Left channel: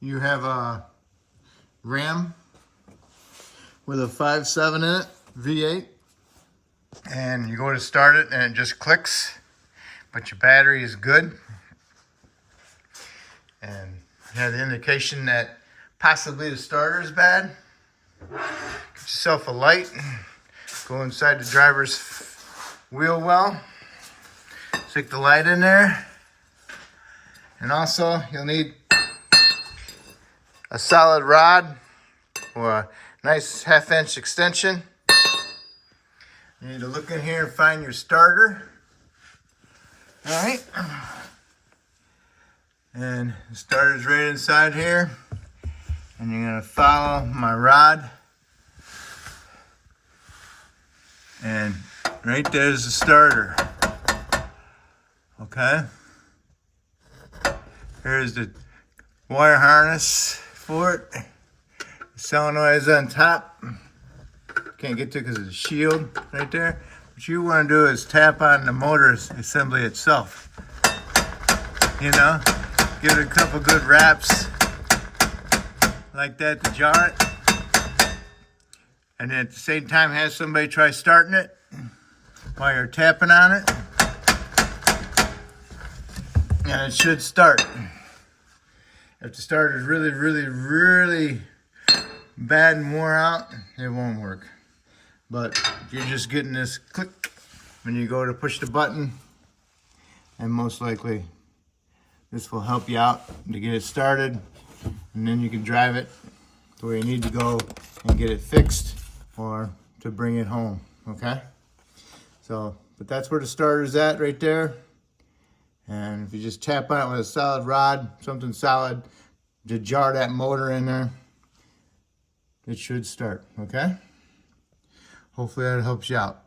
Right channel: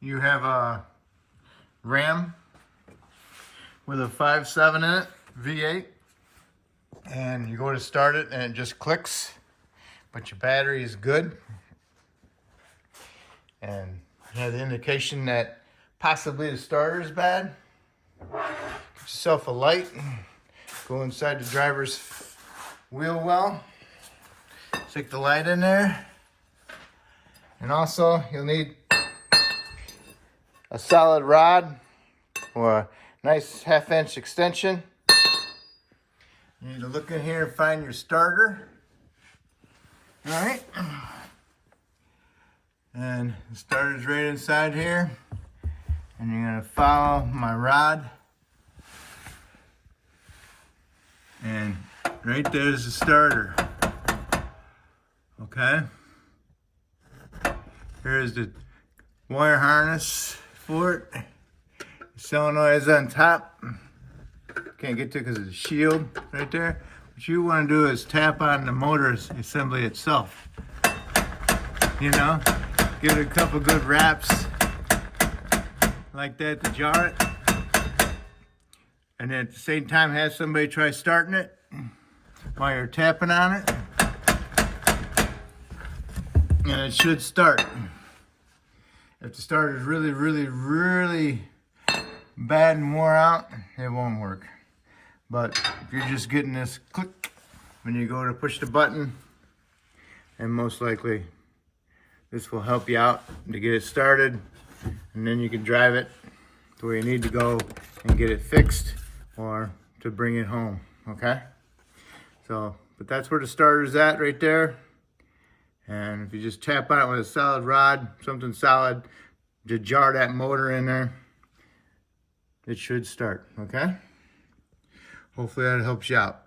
you have a Ram with a 5.7 in it, V8, and you go to start it and it just clicks, but your battery is good. And you have the indication that possibly the starter is bad. Get yourself a light, go inside the driver's wheel well, stick the light in there, and also you'll need a solid rod or a nice 1/2 inch extension. You need to look in here and find your starter. All right. And the starter's right inside here. And you're gonna follow my rod. And right there's the starter. Okay. Here's the wire harness for it. The solenoid is on top. Can't get to it because of the shield right there. What you want to do is tap on the motor assembly itself. You know, give it a couple good wraps like that to jar it. And then at the same time have somebody try starting it while you're tapping on it. And it should start. If the starter is really bad and wore out, it won't work. But if you're just getting this click when you go to push the button, and most likely this will help you out to get it started, and then you can drive it to where you need to go and get it fixed or to bring it home, okay? So, but that's where the starter's at right there. And if you just tap on it with a solid rod, something solid, to jar that motor in there, it should start, okay? Hopefully that helps you out.